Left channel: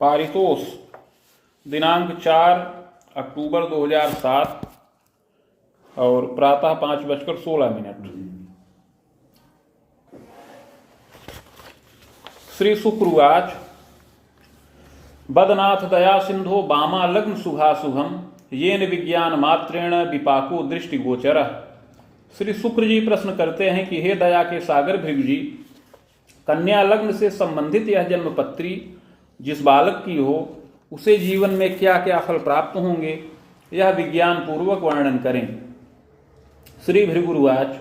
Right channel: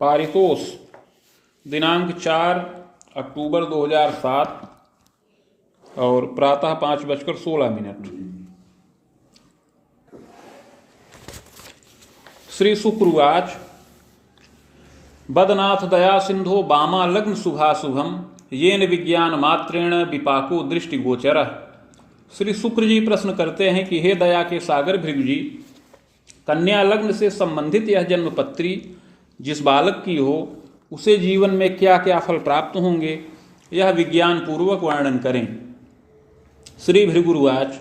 पारितोष दिनांक 4 अक्टूबर 2007 और प्रातः 5:16। श्री शुक्र उवाच बदनाथ दया सिंधो बामा लग्न शुभाशुभम येन विज्ञान मात्रेण विपाको दृष्टि गोचर। श्री शुक्र जी प्रश्न करते हैं कि हे दया के सागर भृगु जी, कन्या लग्न से संबंधित यह जन्मपत्री जिस बालक की हो उसे जीवन में क्या क्या फल प्राप्त होंगे, यह विज्ञान पूर्वक वर्णन करें। श्री भृगुरुवाच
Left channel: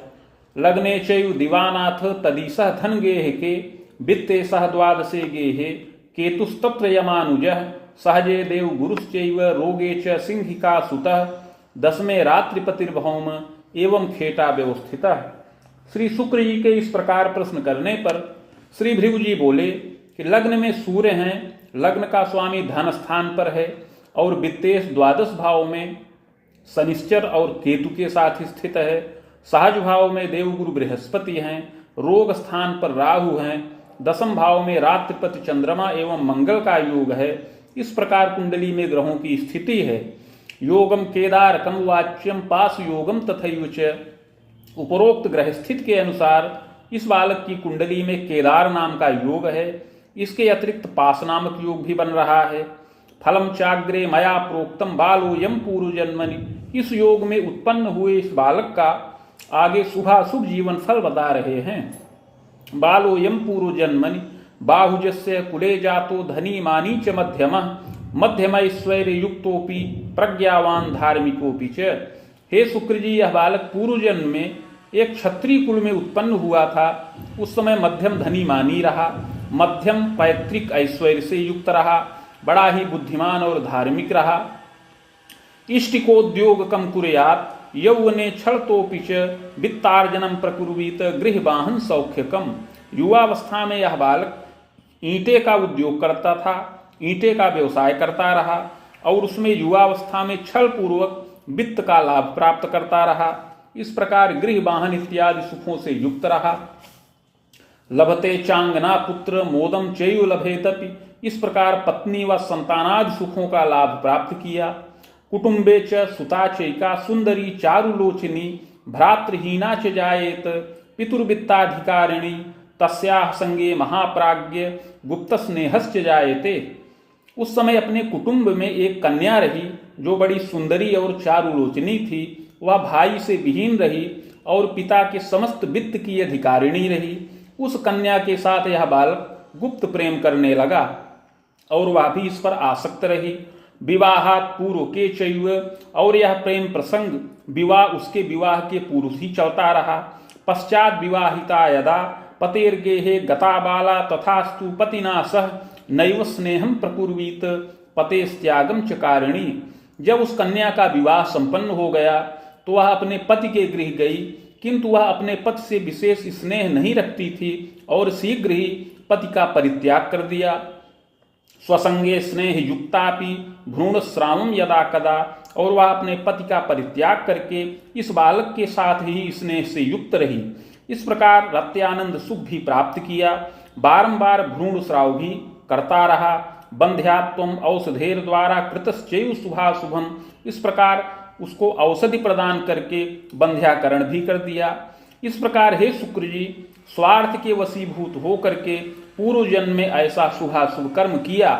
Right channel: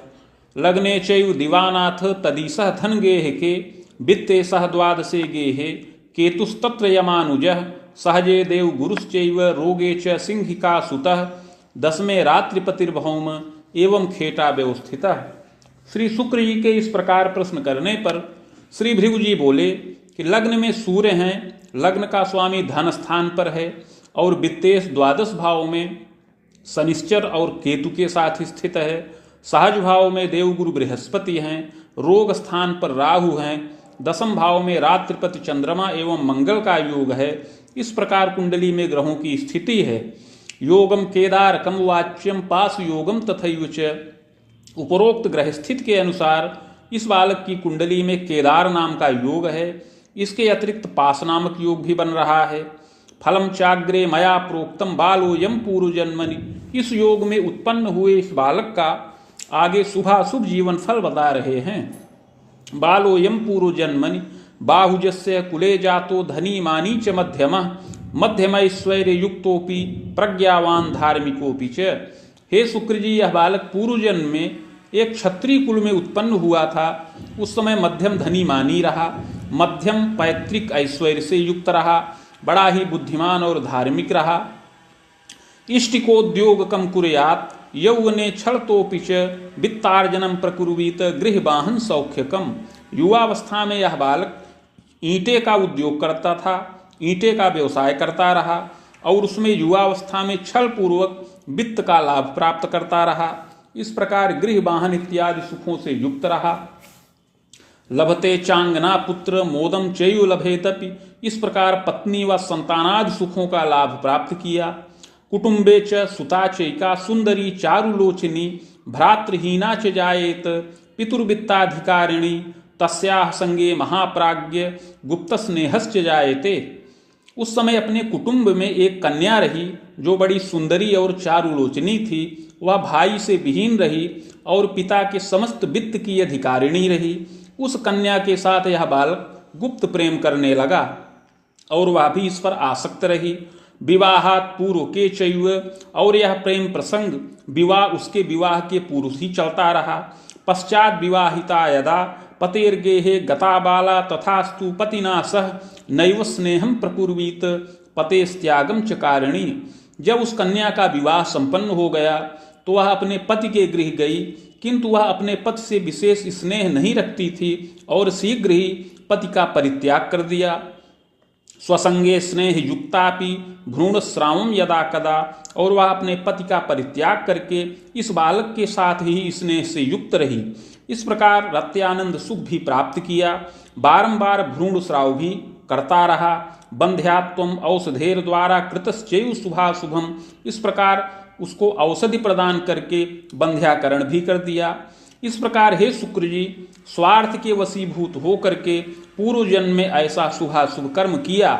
लग्ने चैव दिवानाथ तदीसः धन गेह के वित्ते सह द्वादशे गेहे केतुस्तत्र यमानुजः सहजे देव गुरुश्चैव रोगे च सिंहिका सुतः दसमे रात्रिपतिर्भौम एवं खेटा व्यवस्थितः। श्री शुक्र जी के इस प्रकार प्रश्न करने पर श्री भृगु जी बोले कि लग्न में सूर्य हैं, लग्न का स्वामी धन स्थान पर है और वित्तेश द्वादश भाव में शनिश्चर और केतु के साथ स्थित है। सहज भाव में देवगुरु बृहस्पति हैं, रोग स्थान पर राहु हैं, दसम भाव में रात्रिपति चंद्रमा एवं मंगल का योग है। इस प्रकार कुंडली में ग्रहों की स्थिति है। योगम केदारकम वाच्यम पास योगम तथैव च। उपरोक्त ग्रह स्थित के अनुसार इस बालक की कुंडली में केदार नाम का योग है। इसके अतिरिक्त पास नामक योग भी बन रहा है। फलम चाग्रे मया प्रोक्तम बालो यम पूर्व जन्मनि। इस योग में उत्पन्न हुए इस बालक का आगे शुभाशुभ जीवन फल बता रहे हैं। बालो यम पूर्व जन्मनि बाहुजस्य कुले जातो धनी मानी च मध्यमः मध्यम ऐश्वर्य युक्तोपि प्रज्ञावान धार्मिकोपि च। हे शुक्र जी, यह बालक पूर्व जन्म में एक क्षत्रिय कुल में उत्पन्न हुआ था। उस समय मध्यम धनी मानी रहा, मध्यम पैतृक ऐश्वर्य से युक्त रहा, बड़ा ही बुद्धिमान और धार्मिक रहा। इष्टिकोद्योग कम कुर्यात् यौवने छलतोपि च वित्तार्जनम प्रकुर्वीत गृहवाहन सौख्यकम। युवावस्था में यह बालक ईंटे का उद्योग करता था, ईंटे का व्यवसाय करता रहा और उसमें युवावस्था में छल पूर्वक वित्त का लाभ प्राप्त करता रहा। इस प्रकार गृह वाहन इत्यादि सुखों से युक्त रहा। लभते चांगना पुत्र मोदम चैव लभेतपि। इस प्रकार पत्नी व संतानादि सुखों का लाभ प्राप्त किया। कुटुंबे च सुता चैका सुंदरी चारुलोचनी भ्रातृहीना च जायेत पितुर्वित्ताधिकारिणी तस्याः संगे महाप्राज्ञ गुप्त स्नेहश्च जायते। उस समय अपने कुटुंब में एक कन्या रही जो बड़ी सुंदरी और चारुलोचनी थी। वह भाई से विहीन रही और पिता के समस्त वित्त की अधिकारिणी रही। उस कन्या के साथ यह बालक गुप्त प्रेम करने लगा और वह भी इस पर आसक्त रही। विवाहात् पूर्व के चैव, और यह प्रेम प्रसंग विवाह उसके विवाह के पूर्व ही चलता रहा। पश्चात विवाहिता यदा पतेर्गेहे गता बाला तथास्तु पतिना सह नैव स्नेहम प्रकुर्वीत पतेस्त्यागम च कारिणी। जब उस कन्या का विवाह संपन्न हो गया तो वह अपने पति के गृह गई, किंतु वह अपने पति से विशेष स्नेह नहीं रखती थी और शीघ्र ही पति का परित्याग कर दिया। स्वसंगे स्नेह युक्तापि भ्रूण श्रावम यदा कदा, और वह अपने पति का परित्याग करके इस बालक के साथ ही स्नेह से युक्त रही। इस प्रकार रत्यानंद सुख भी प्राप्त किया। बारंबार भ्रूण श्राव भी करता रहा। बंध्यात्वम औषधेर द्वारा कृतश्चैव शुभाशुभम। इस प्रकार उसको औषधि प्रदान करके बंध्याकरण भी कर दिया। इस प्रकार हे शुक्र जी, स्वार्थ के वशीभूत होकर के पूर्व जन्म में ऐसा शुभाशुभ कर्म किया।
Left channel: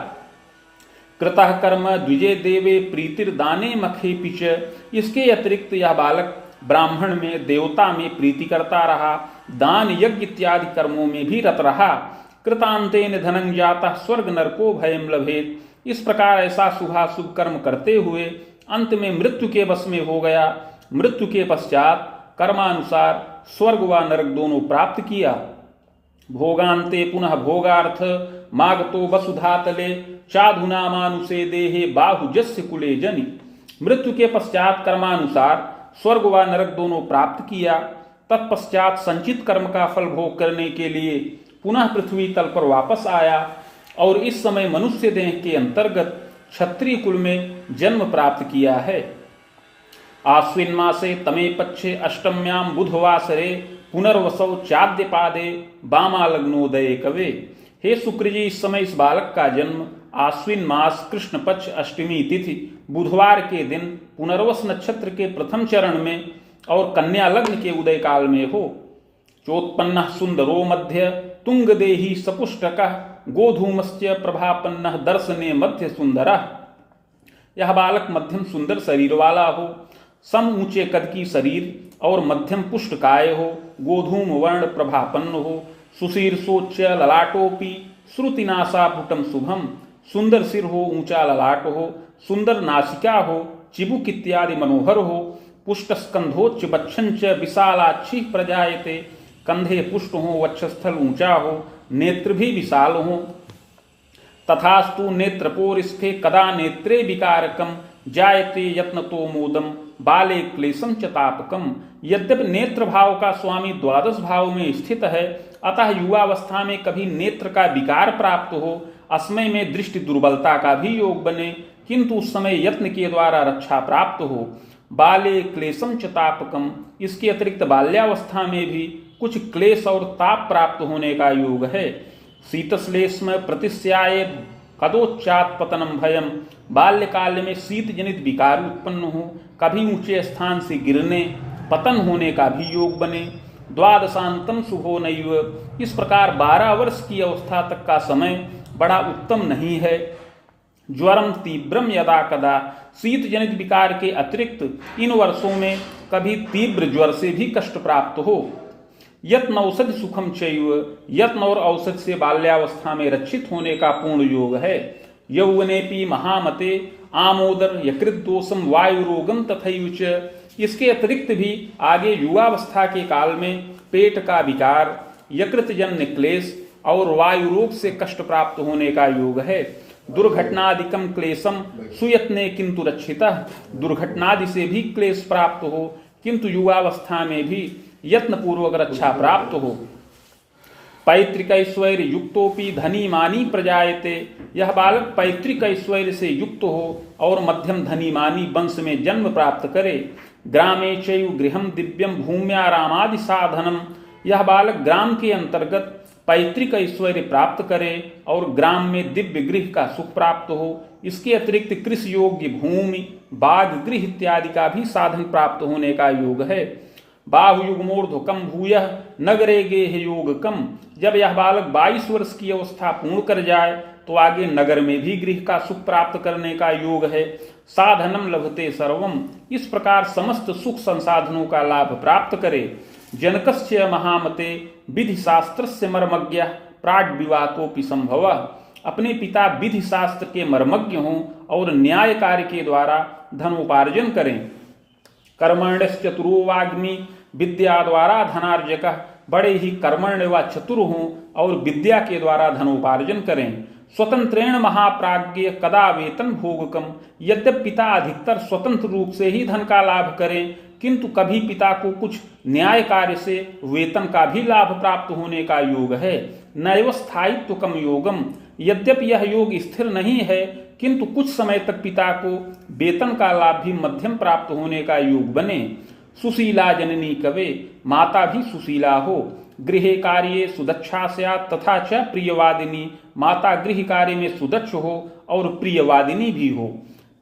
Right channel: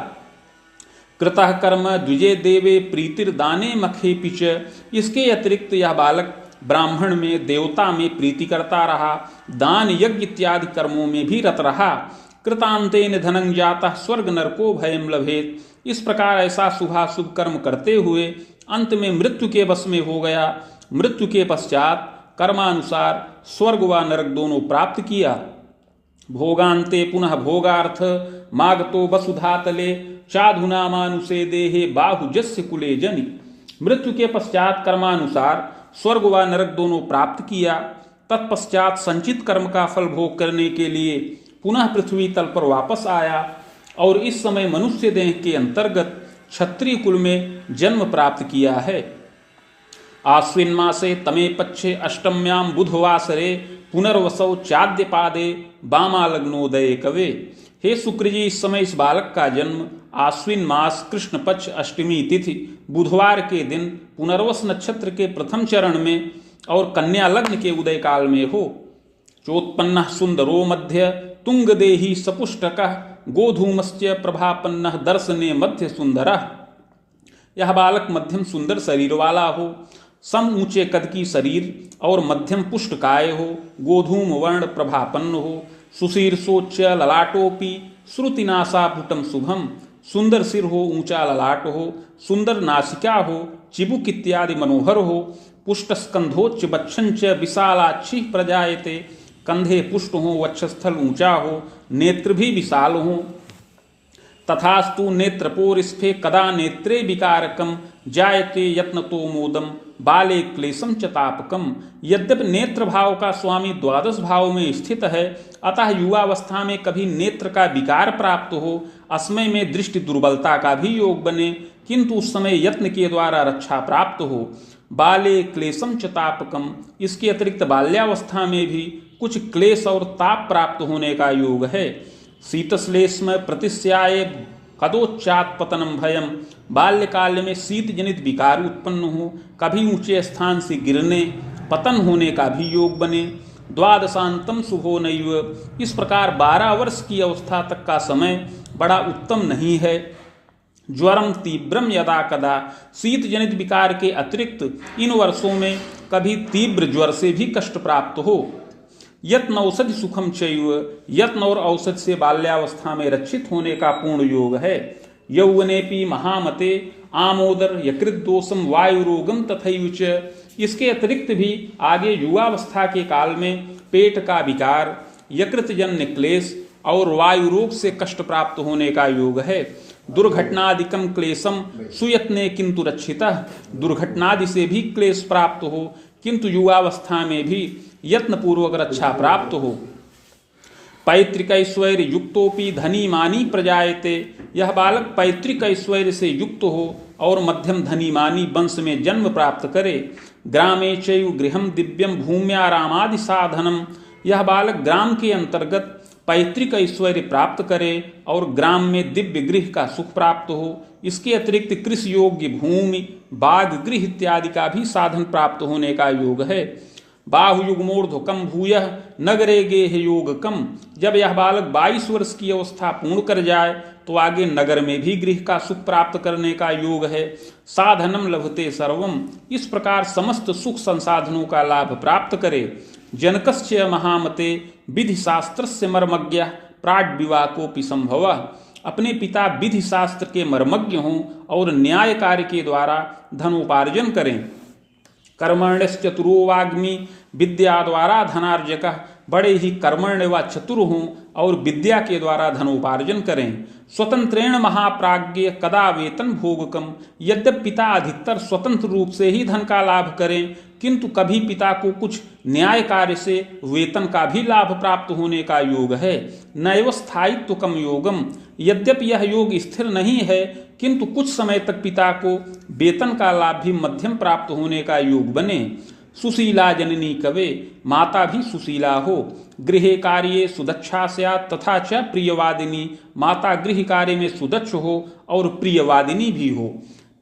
कृतः कर्म द्विजे देवे प्रीतिर्दाने मखे पिच। इसके अतिरिक्त यह बालक ब्राह्मण में, देवता में प्रीति करता रहा, दान यज्ञ इत्यादि कर्मों में भी रत रहा। कृतांतेन धनं जातः स्वर्ग नरको भयं लभेत। इस प्रकार ऐसा शुभाशुभ कर्म करते हुए अंत में मृत्यु के वश में हो गया। मृत्यु के पश्चात कर्मानुसार स्वर्ग व नरक दोनों प्राप्त किया। भोगांते पुनः भोगार्थ मागतो वसुधातले चाधुना मानुषे देहे बाहुजस्य कुले जनि। मृत्यु के पश्चात कर्मानुसार स्वर्ग व नरक दोनों प्राप्त किया। तत्पश्चात संचित कर्म का फल भोग करने के लिए पुनः पृथ्वी तल पर वापस आया और इस समय मनुष्य देह के अंतर्गत क्षत्रिय कुल में जन्म प्राप्त किया है। आश्विन मासे तमे पक्षे अष्टम्याम बुधवासरे पुनर्वसौ चाद्य पादे बामा लग्नोदय कवे। हे शुक्र जी, इस समय इस बालक का जन्म आश्विन मास कृष्ण पक्ष अष्टमी तिथि बुधवार के दिन पुनर्वस नक्षत्र के प्रथम चरण में और कन्या लग्न के उदय काल में हो। चोत्पन्न सुंदरो मध्य तुंग देही सपुष्टक गोधूमस्य प्रभापन्न दर्शने मध्य सुंदर। यह बालक मध्यम सुंदर शरीर वाला हो, सम ऊंचे कद की शरीर और मध्यम पुष्टकाय हो, गोधूम वर्ण प्रभापन्न हो, सुशीर्षोच्च ललाटोपि श्रुतिनासापुटम शुभम, सुंदर सिर हो, ऊंचा ललाट हो, सुंदर नासिका हो, चिबुक इत्यादि मनोहर हो, पुष्ट स्कंधोच्च बक्षंच विशालाक्षी प्रजायते, कंधे पुष्ट हो, वक्षस्थल ऊंचा हो, नेत्र भी विशाल हो। तथास्तु नेत्रपोरिस्फे कदा नेत्रे विकारकम जायते यत्नतो मोदम बाले क्लेशम च तापकम। यद्यपि नेत्र भाव का स्वामी द्वादश भाव में स्थित है, अतः युवावस्था में कभी नेत्र का विकार प्राप्त हो, असमय में दृष्टि दुर्बलता का भी योग बने, किंतु उस समय यत्न के द्वारा रक्षा प्राप्त हो। बाले क्लेशम च तापकम, इसके अतिरिक्त बाल्यावस्था में भी कुछ क्लेश और ताप प्राप्त होने का योग है। शीतश्लेष्म प्रतिस्याय कदोच्चात पतनम भयम, बाल्यकाल में शीत जनित विकार उत्पन्न हो, कभी ऊंचे स्थान से गिरने पतन होने का भी योग बने। द्वादशांतम शुभो नैव, इस प्रकार 12 वर्ष की अवस्था तक का समय बड़ा उत्तम नहीं है। ज्वरम तीव्रम यदा कदा, शीत जनित विकार के अतिरिक्त इन वर्षों में कभी तीव्र ज्वर से भी कष्ट प्राप्त हो। यत्न औषधि सुखम चैव, यत्न और औषध से बाल्यावस्था में रक्षित होने का पूर्ण योग है। यौवनेपि महामते आमोदर यकृत दोषम वायु रोगम तथैव च, इसके अतिरिक्त भी आगे युवावस्था के काल में पेट का विकार, यकृत जन्य क्लेश और वायु रोग से कष्ट प्राप्त होने का योग है। दुर्घटनादिकम क्लेशम सुयत्ने किंतु रक्षितः, दुर्घटनादि से भी क्लेश प्राप्त हो, किंतु युवावस्था में भी यत्न पूर्वक रक्षा प्राप्त हो। पैतृक ऐश्वर्य युक्तोपि धनी मानी प्रजायते, यह बालक पैतृक ऐश्वर्य से युक्त हो और मध्यम धनी मानी वंश में जन्म प्राप्त करे। ग्रामे चैव गृहम दिव्यम भूम्यारामादि साधनम, यह बालक ग्राम के अंतर्गत पैतृक ऐश्वर्य प्राप्त करे और ग्राम में दिव्य गृह का सुख प्राप्त हो। इसके अतिरिक्त कृषि योग्य भूमि, बाग, गृह इत्यादि का भी साधन प्राप्त होने का योग है। बाहुयुग्मोर्ध्वकम भूयः नगरे गेह योगकम, जब यह बालक 22 वर्ष की अवस्था पूर्ण कर जाए तो आगे नगर में भी गृह का सुख प्राप्त करने का योग है। साधनम लभते सर्वम, इस प्रकार समस्त सुख संसाधनों का लाभ प्राप्त करे। जनकस्य महामते विधि शास्त्रस्य मर्मज्ञः प्राड विवाकोपि संभवः, अपने पिता विधि शास्त्र के मर्मज्ञ हों और न्याय कार्य के द्वारा धनोपार्जन करें। कर्मण्यश्चतुरो वाग्मी विद्या द्वारा धनार्जक, बड़े ही कर्मण्य व चतुर हों और विद्या के द्वारा धनोपार्जन करें। स्वतंत्रेण महाप्राज्ञ कदा वेतन भोगकम, यद्यपि पिता अधिकतर स्वतंत्र रूप से ही धन का लाभ करें, किंतु कभी पिता को कुछ न्याय कार्य से वेतन का भी लाभ प्राप्त होने का योग है। नैव स्थायित्वकम योगम, यद्यपि यह योग स्थिर नहीं है, किंतु कुछ समय तक पिता को वेतन का लाभ भी मध्यम प्राप्त होने का योग बने। सुशीला जननी कवे, माता भी सुशीला हो। गृहे कार्ये सुदक्षा स्यात् तथा च प्रियवादिनी, माता गृह कार्य में सुदक्ष हो और प्रियवादिनी भी हो।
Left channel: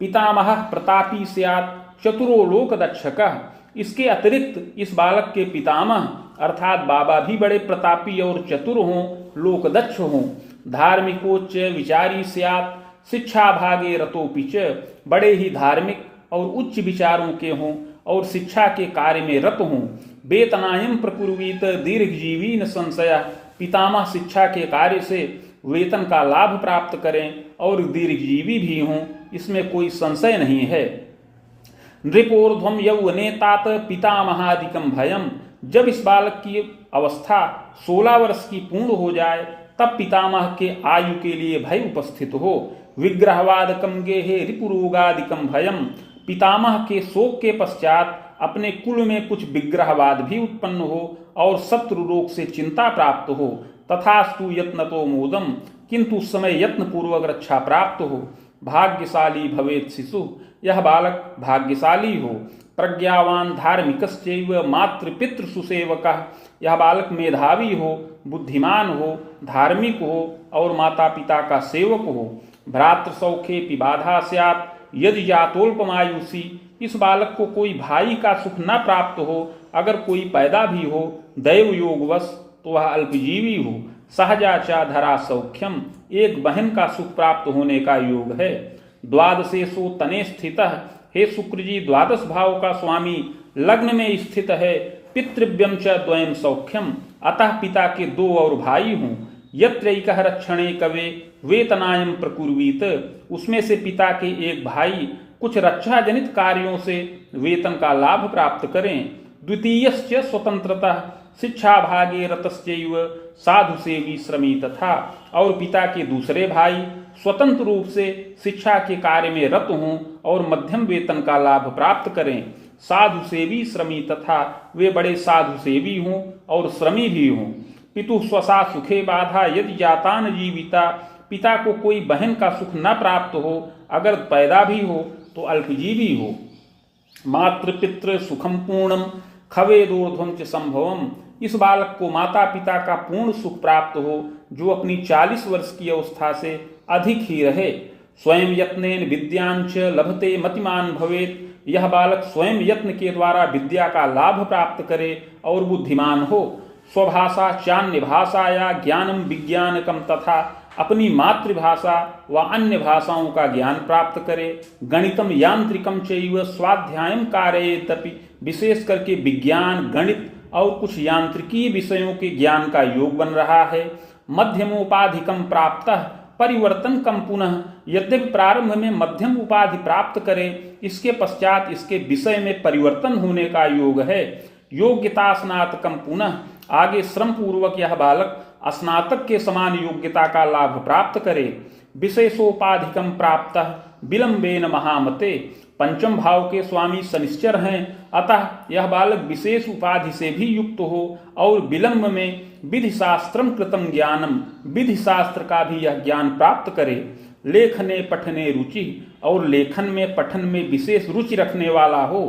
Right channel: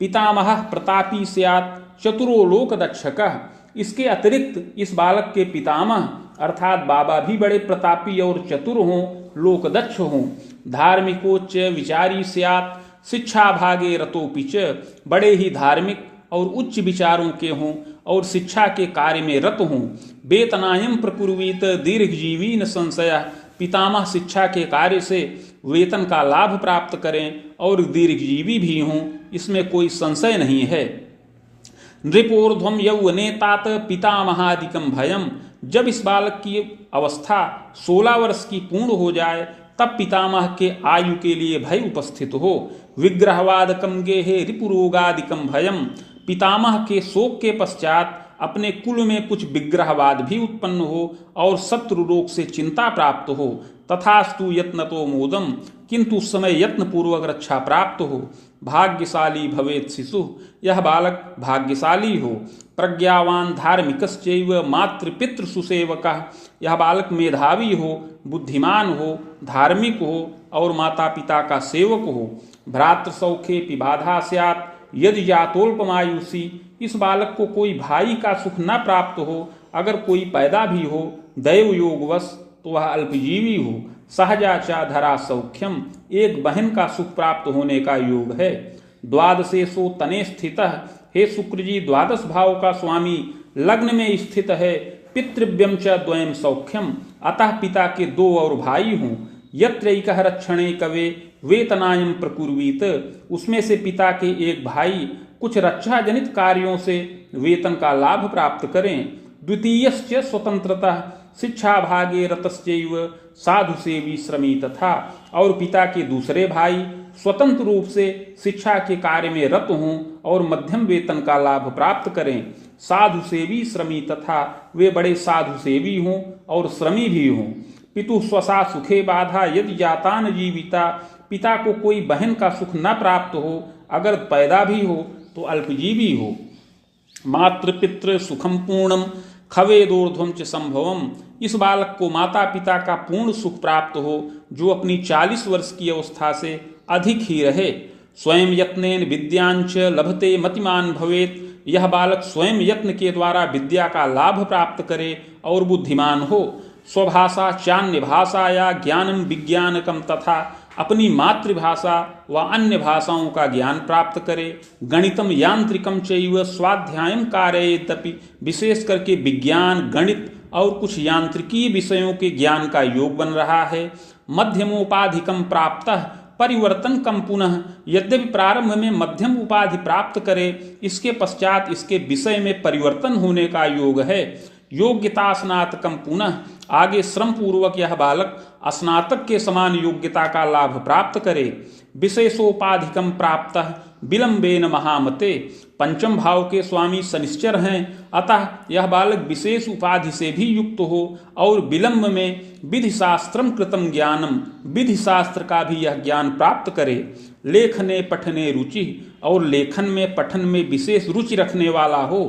पितामह प्रतापी स्यात् चतुरो लोकदक्षकः, इसके अतिरिक्त इस बालक के पितामह अर्थात बाबा भी बड़े प्रतापी और चतुर हों, लोकदक्ष हों। धार्मिकोच्च विचारी स्यात् शिक्षा भागे रतोपि च, बड़े ही धार्मिक और उच्च विचारों के हों और शिक्षा के कार्य में रत हों। वेतनायम प्रकुर्वीत दीर्घजीवी न संशय, पितामह शिक्षा के कार्य से वेतन का लाभ प्राप्त करें और दीर्घजीवी भी हों, इसमें कोई संशय नहीं है। नृपोर्ध्वम यौवने तात पितामहादिकम भयम, जब इस बालक की अवस्था 16 वर्ष की पूर्ण हो जाए तब पितामह के आयु के लिए भय उपस्थित हो। विग्रहवादकम गेहे रिपुरोगादिकम भयम, पितामह के शोक के पश्चात अपने कुल में कुछ विग्रहवाद भी उत्पन्न हो और शत्रु रोग से चिंता प्राप्त हो। तथास्तु यत्नतो मोदम, किंतु उस समय यत्न पूर्वक रक्षा प्राप्त हो। भाग्यशाली भवेत् शिशु, यह बालक भाग्यशाली हो। प्रज्ञावान धार्मिकश्चैव मातृपितृ सुसेवकः, यह बालक मेधावी हो बुद्धिमान हो, धार्मिक हो और माता पिता का सेवक हो। भ्रातृ सौखे बाधा स्यात् यदि जातोल्पमायुषी, इस बालक को कोई भाई का सुख न प्राप्त हो, अगर कोई पैदा भी हो दैव योगवश तो वह अल्पजीवी हो। सहजाचा धरा सौख्यम, एक बहन का सुख प्राप्त होने का योग है। द्वादशेषु तने स्थितः, हे शुक्र जी द्वादश भाव का स्वामी लग्न में स्थित है। पितृव्यम च द्वयम सौख्यम, अतः पिता के 2 और भाई हों। यत्रैकः रक्षणे कवे वेतनायम प्रकुर्वीत, उसमें से पिता के एक भाई कुछ रक्षा जनित कार्यों से वेतन का लाभ प्राप्त करें। द्वितीयश्च स्वतंत्रतः शिक्षा भागे रतश्चैव साधु सेवी श्रमी तथा, और पिता के दूसरे भाई स्वतंत्र रूप से शिक्षा के कार्य में रत हों और मध्यम वेतन का लाभ प्राप्त करें। साधु सेवी श्रमी तथा, वे बड़े साधु सेवी हों और श्रमी भी हों। पितु स्वसा सुखे बाधा यदि जातान जीविता, पिता को कोई बहन का सुख न प्राप्त हो, अगर पैदा भी हो तो अल्पजीवी हो। मातृपितृ सुखम पूर्णम खवेदोर्ध्वम च संभवम, इस बालक को माता पिता का पूर्ण सुख प्राप्त हो जो अपनी 40 वर्ष की अवस्था से अधिक ही रहे। स्वयं यत्नेन विद्यांच लभते मतिमान भवेत, यह बालक स्वयं यत्न के द्वारा विद्या का लाभ प्राप्त करे और बुद्धिमान हो। स्वभाषा चान्य भाषाया ज्ञानम विज्ञानकम तथा, अपनी मातृभाषा व अन्य भाषाओं का ज्ञान प्राप्त करे। गणितम यांत्रिकम चैव स्वाध्यायम कारयेतपि, विशेष करके विज्ञान गणित और कुछ यांत्रिकी विषयों के ज्ञान का योग बन रहा है। मध्यमोपाधिकम प्राप्तः परिवर्तन कम पुनः, यद्यपि प्रारंभ में मध्यम उपाधि प्राप्त करे, इसके पश्चात इसके विषय में परिवर्तन होने का योग है। योग्यता स्नातकम पुनः, आगे श्रम पूर्वक यह बालक स्नातक के समान योग्यता का लाभ प्राप्त करे। विशेषोपाधिकम प्राप्तः विलंबेन महामते, पंचम भाव के स्वामी शनिश्चर हैं, अतः यह बालक विशेष उपाधि से भी युक्त हो और विलंब में विधि शास्त्रम कृतम ज्ञानम, विधि शास्त्र का भी यह ज्ञान प्राप्त करे। लेखने पठने रुचि, और लेखन में पठन में विशेष रुचि रखने वाला हो।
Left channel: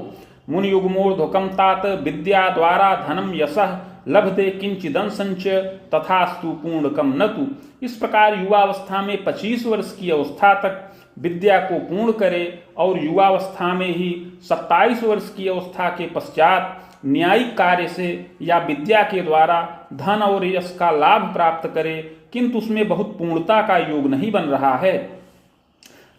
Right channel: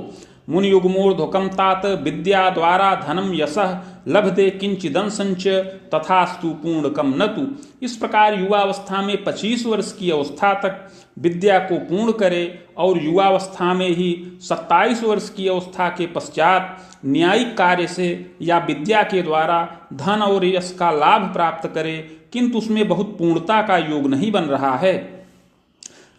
मुनियुग्मोर्ध्वकम तात विद्या द्वारा धनम यशः लभते किंचिदंसंच तथास्तु पूर्णकम नतु, इस प्रकार युवावस्था में 25 वर्ष की अवस्था तक विद्या को पूर्ण करे और युवावस्था में ही 27 वर्ष की अवस्था के पश्चात न्यायिक कार्य से या विद्या के द्वारा धन और यश का लाभ प्राप्त करे, किंतु उसमें बहुत पूर्णता का योग नहीं बन रहा है।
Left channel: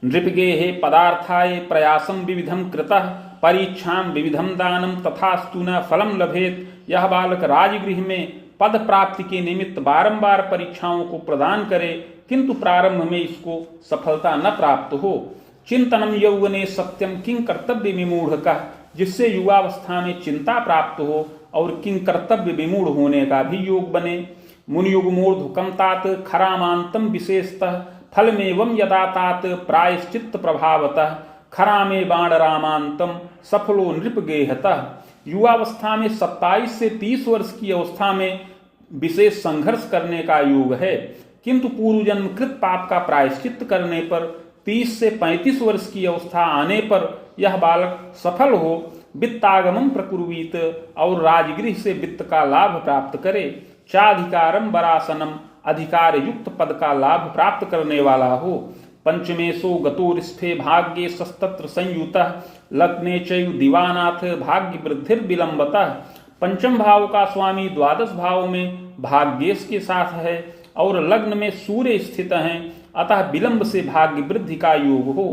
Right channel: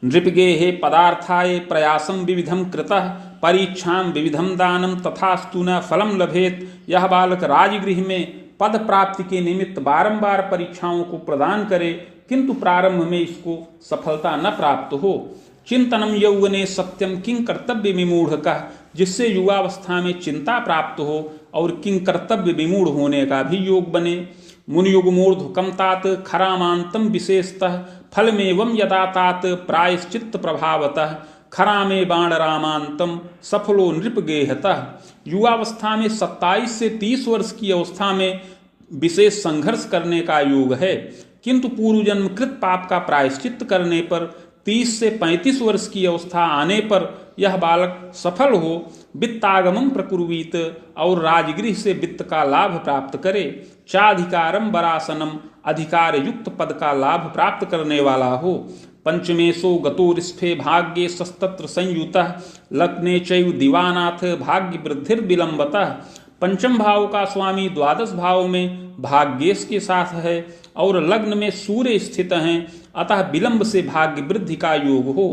नृपगेहे पदार्थाय प्रयासम विविधम कृतः परीक्षाम विविधम दानम तथास्तु न फलम लभेत, यह बालक राजगृह में पद प्राप्ति के निमित्त बारंबार परीक्षाओं को प्रदान करे, किंतु प्रारंभ में इसको सफलता न प्राप्त हो। चिंतनम यौवने सत्यम किंग कर्तव्य विमूढ़ का, जिससे युवावस्था में चिंता प्राप्त हो और किंग कर्तव्य विमूढ़ होने का भी योग बने। मुनियुग्मोर्ध्वकम तात खरामांतम विशेषतः फलमेवं यदा तात प्रायश्चित्त प्रभावतः खरामे बाण रामांतम सफलो नृपगेहतः, युवावस्था में 27 से 30 वर्ष की अवस्था में विशेष संघर्ष करने का योग है, किंतु पूर्व जन्म कृत पाप का प्रायश्चित्त करने पर 30 से 35 वर्ष की अवस्था आने पर यह बालक सफल हो। वित्तागमन प्रकुर्वीत, और राजगृह से वित्त का लाभ प्राप्त करे। चाधिकारम वरासनम, अधिकार युक्त पद का लाभ प्राप्त करने वाला हो। पंचमेशो गतोरिष्ठे भाग्ये सस्तत्र संयुतः लग्ने चैव दिवानाथ भाग्य वृद्धिर विलंबतः, पंचम भाव का स्वामी द्वादश भाव में भाग्येश के साथ है और लग्न में सूर्य स्थित हैं, अतः विलंब से भाग्य वृद्धि का योग हो।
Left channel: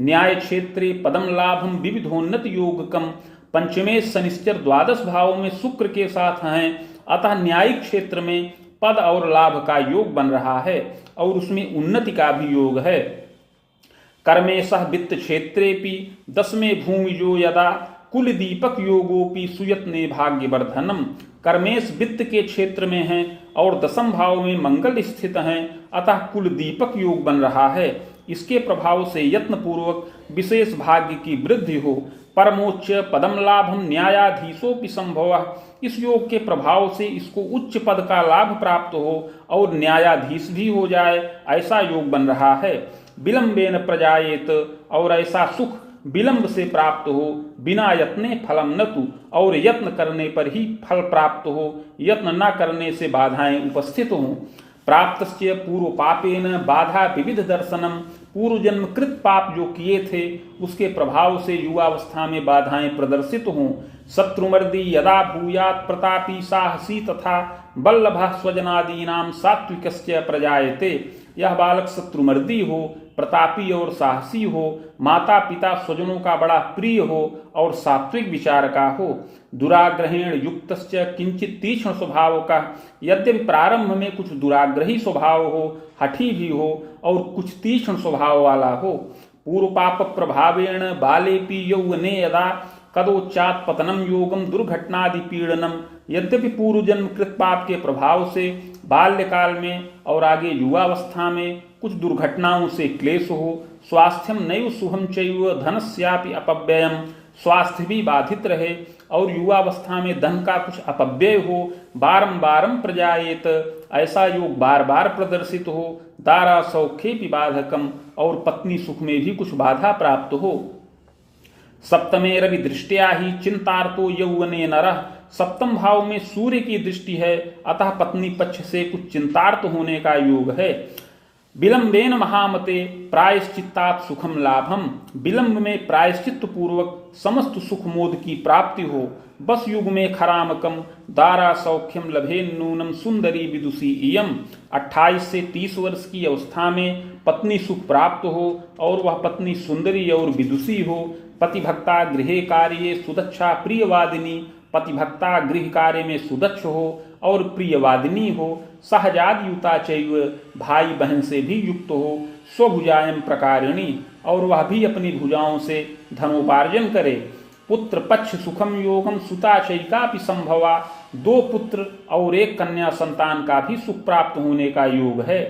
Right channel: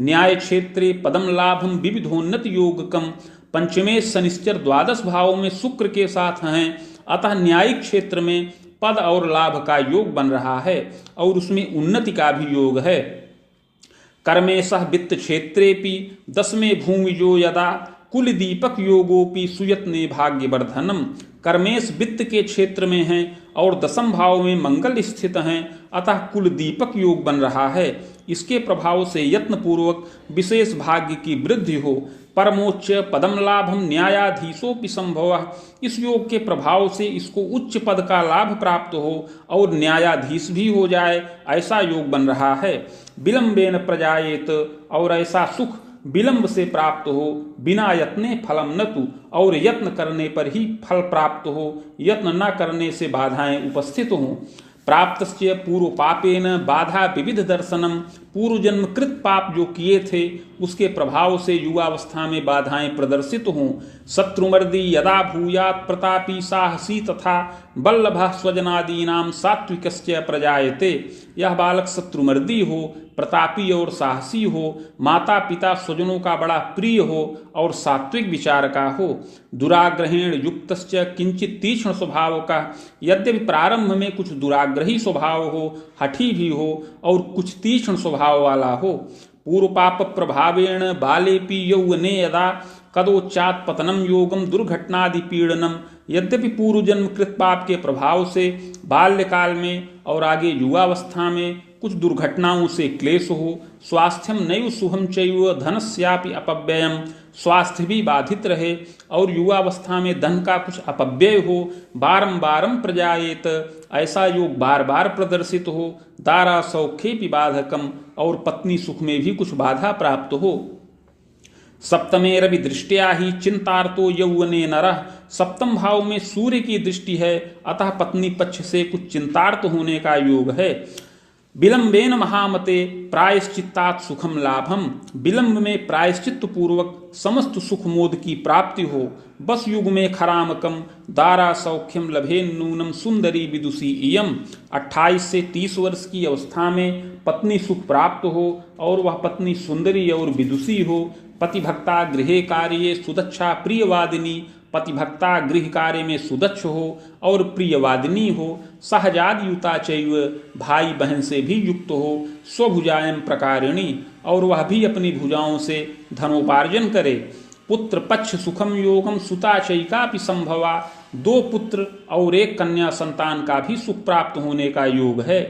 न्याय क्षेत्रे पदम लाभम विविधोन्नत योगकम, पंचमे शनिश्चर द्वादश भाव में शुक्र के साथ हैं, अतः न्यायिक क्षेत्र में पद और लाभ का योग बन रहा है और उसमें उन्नति का भी योग है। कर्मेशः वित्त क्षेत्रेपि दसमे भूमिजो यदा कुल दीपक योगोपि सुयत्ने भाग्यवर्धनम, कर्मेश वित्त के क्षेत्र में हैं और दसम भाव में मंगल स्थित हैं, अतः कुल दीपक योग बन रहा है। इसके प्रभाव से यत्न पूर्वक विशेष भाग्य की वृद्धि हो। परमोच्च पदम लाभम न्यायाधीशोपि संभव, इस योग के प्रभाव से इसको उच्च पद का लाभ प्राप्त हो और न्यायाधीश भी हो जाए, ऐसा योग बन रहा है। विलंबेन प्रजायेत, और ऐसा सुख विलंब से प्राप्त हो, बिना यत्ने फलम न तु, और यत्न करने पर ही फल प्राप्त हो, यत्न न करने से बाधाएं उपस्थित हों। प्राप्तस्य पूर्व पापेन बाधा विविध दर्शनम, पूर्व जन्म कृत पाप जो किए थे उसके प्रभाव से युवावस्था में बाधाएं प्रदर्शित हों। शत्रुमर्दी यदा भूयात् प्रतापी साहसी तथा बल्लभ स्वजनादीनाम सात्विकस्य प्रजायते, यह बालक शत्रुमर्दी हो, प्रतापी और साहसी हो, माता पिता स्वजनों का बड़ा प्रिय हो और सात्विक विचार का हो। दुराग्रहेण युक्तस्य किंचित तीक्ष्ण स्वभाव का, यद्यपि प्रारंभ में कुछ दुराग्रही स्वभाव हो, हठी भी हो और कुछ तीक्ष्ण स्वभाव वाला हो। पूर्व पाप प्रभावेण बालेपि यौवने यदा कदोच्चात पतनम योगम दुर्घटनादि पीड़नम, यद्यपि पूर्व जन्म कृत पाप के प्रभाव से बाल्यकाल में और आगे युवावस्था में कुछ दुर्घटनाओं से क्लेश हो। स्वास्थ्यम नैव शुभम चैव धनस्यापि अपव्ययम, स्वास्थ्य भी बाधित रहे और युवावस्था में धन का कुछ अपव्यय हो। बारंबारम प्रजायेत, ऐसा योग बार बार प्रदर्शित हो। दारा सौख्येपि बाधकम, और पत्नी सुख में भी कुछ बाधा प्राप्त हो। सप्तमे रवि दृष्टिया ही चिंतार्तो यौवने नरः, सप्तम भाव में सूर्य की दृष्टि है, अतः पत्नी पक्ष से कुछ चिंतार्थ होने का योग है। विलंबेन महामते प्रायश्चित्तात् सुखम लाभम, विलंब में प्रायश्चित पूर्वक समस्त सुख मोद की प्राप्ति हो। बस युग में खरामकम दारा सौख्यम लभेन नूनम सुंदरी विदुषी इयम, 28 से 30 वर्ष की अवस्था में पत्नी सुख प्राप्त हो और वह पत्नी सुंदरी और विदुषी हो। पतिभक्ता गृहे कार्ये सुदक्षा प्रियवादिनी, पतिभक्ता गृह कार्य में सुदक्ष हो और प्रियवादिनी हो। सहजादयुता चैव, भाई बहन से भी युक्त हो। स्वभुजायम प्रकारिणी, और वह भी अपनी भुजाओं से धनोपार्जन करे। पुत्र पक्ष सुखम योगम सुता चैकापि संभवा, 2 पुत्र और 1 कन्या संतान का भी सुख प्राप्त होने का योग है।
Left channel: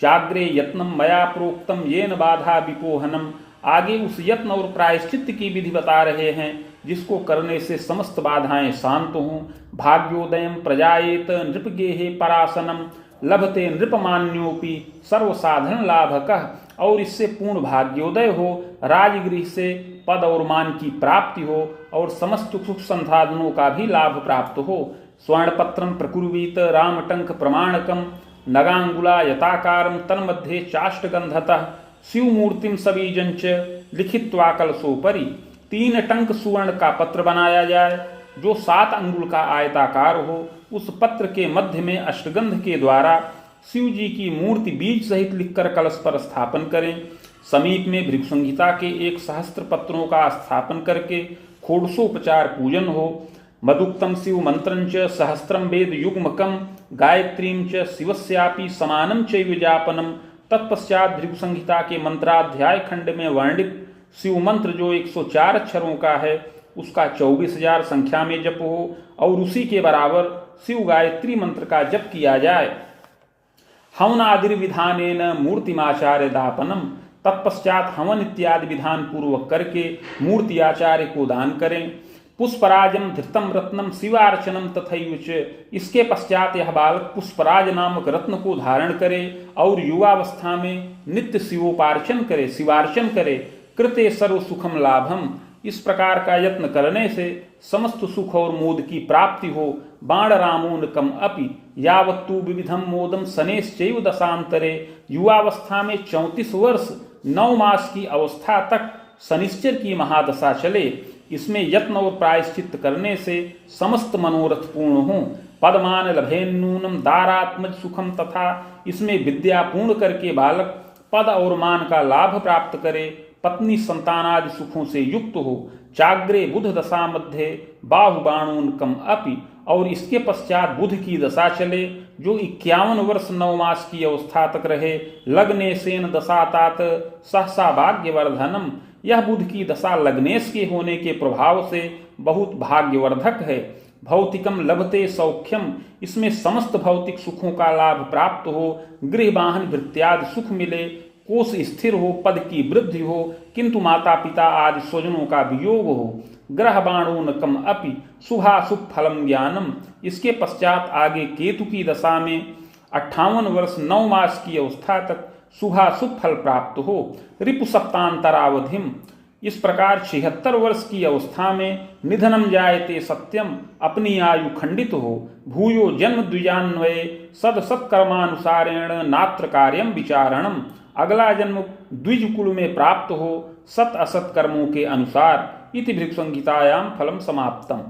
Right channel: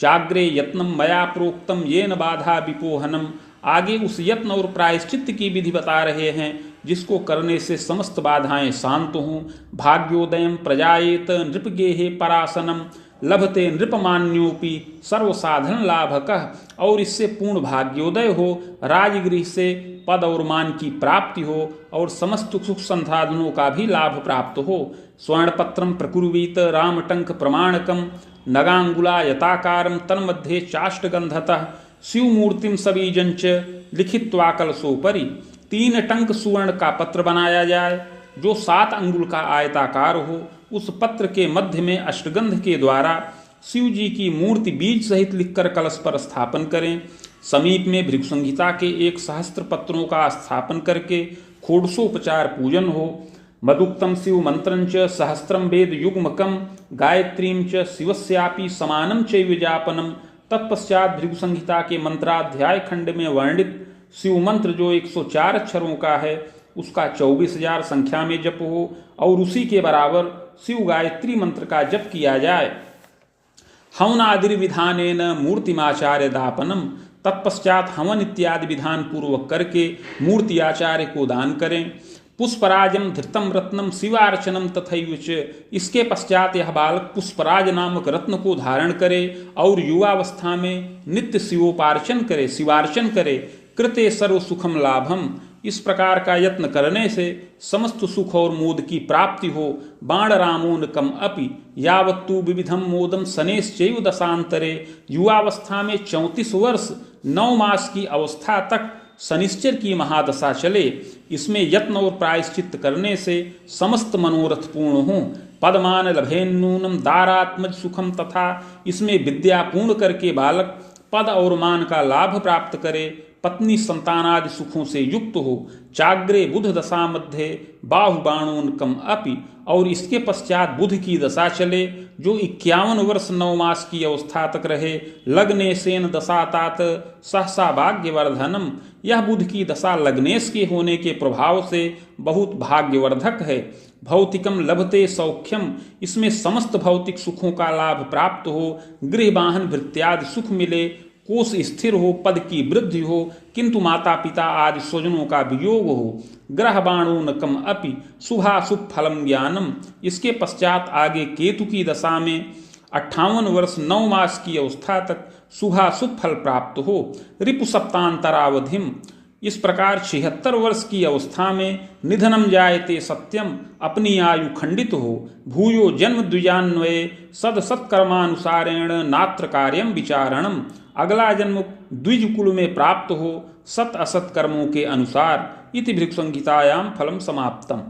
चाग्रे यत्नम मया प्रोक्तम येन बाधा विपोहनम, आगे उस यत्न और प्रायश्चित्त की विधि बता रहे हैं जिसको करने से समस्त बाधाएं शांत हों। भाग्योदयम प्रजायेत नृपगेहे परासनम, लभते नृपमान्योपि सर्वसाधन लाभकः, और इससे पूर्ण भाग्योदय हो, राजगृह से पद और मान की प्राप्ति हो और समस्त सुख संसाधनों का भी लाभ प्राप्त हो। स्वर्णपत्रम प्रकुर्वीत रामटंक प्रमाणकम, नगांगुला यताकारम तन्मध्ये चाष्टगंधतः, शिवमूर्तिम सबीजंच लिखित्वा कलशोपरि, 3 टंक सुवर्ण का पत्र बनाया जाए जो 7 अंगुल का आयताकार हो। उस पत्र के मध्य में अष्टगंध के द्वारा शिव जी की मूर्ति बीज सहित लिखकर कलश पर स्थापन करें। समीप में भृगुसंहिता के 1 सहस्त्र पत्रों का स्थापन करके षोडशोपचार पूजन हो। मदुक्तम शिव मंत्रंच सहस्त्रम वेद युग्मकम, गायत्रीम च शिवस्यापि समानम चैव जापनम। तत्पश्चात भृगुसंहिता के मंत्राध्याय खंड में वर्णित शिव मंत्र जो 104 अक्षरों का है उसका 24,000 संख्या में जप हो और उसी के बराबर शिव गायत्री मंत्र का जप किया जाए। हवनादि विधानेन मूर्तिमाचार्य दापनम, तत्पश्चात हवन इत्यादि विधान पूर्वक करके मूर्ति आचार्य को दान करें। पुष्पराजम धृतम रत्नम शिवार्चनम तथैवच, इसके पश्चात यह बालक पुष्पराज नामक रत्न को धारण करे और युवावस्था में नित्य शिवार्चन करे। कृते सर्व सुखम लाभम, इस प्रकार का यत्न करने से समस्त सुख और मोद की प्राप्ति हो। बाण रामोनकम अपि यावत्तु विविधम मोदम शनेश्चैव दशांतरे, युवावस्था में 34 वर्ष 9 मास की अवस्था तक शनिश्चर की महादशा चले। इसमें यत्न और प्रायश्चित्त करने से समस्त मनोरथ पूर्ण हों। पदमान लभेन्नूनम दारात्मज सुखम, तथा इसमें विद्या पूर्ण करके बालक पद और मान का लाभ प्राप्त करे, पत्नी संतानादि सुखों से युक्त हो। चाग्रे बुध दशा मध्य बाहुबाणोनकम अपि, और इसके पश्चात बुध की दशा चले जो 51 वर्ष 9 मास की अवस्था तक रहे। लग्ने सेन दशातात सहसा भाग्यवर्धनम, यह बुध की दशा लग्नेश के होने के प्रभाव से बहुत भाग्यवर्धक है। भौतिकम लभते सौख्यम, इसमें समस्त भौतिक सुखों का लाभ प्राप्त हो। गृह वाहन भृत्यादि सुख मिले, कोष स्थिर हो, पद की वृद्धि हो, किंतु माता पिता आदि स्वजनों का वियोग हो। ग्रह बाणोनकम अपि शुभाशुभ फलम ज्ञानम, इसके पश्चात आगे केतु की दशा में 58 वर्ष 9 मास की अवस्था तक शुभाशुभ फल प्राप्त हो। रिपु सप्तांतरावधिम, इस प्रकार 76 वर्ष की अवस्था में निधनम जायते सत्यम, अपनी आयु खंडित हो, भूयो जन्म द्विजान्वये सद सत्कर्मानुसारेण नात्र कार्यम विचारणम, अगला जन्म द्विज कुल में प्राप्त हो सत असत कर्मों के अनुसार। इति भृगुसंहितायां फलम समाप्तम।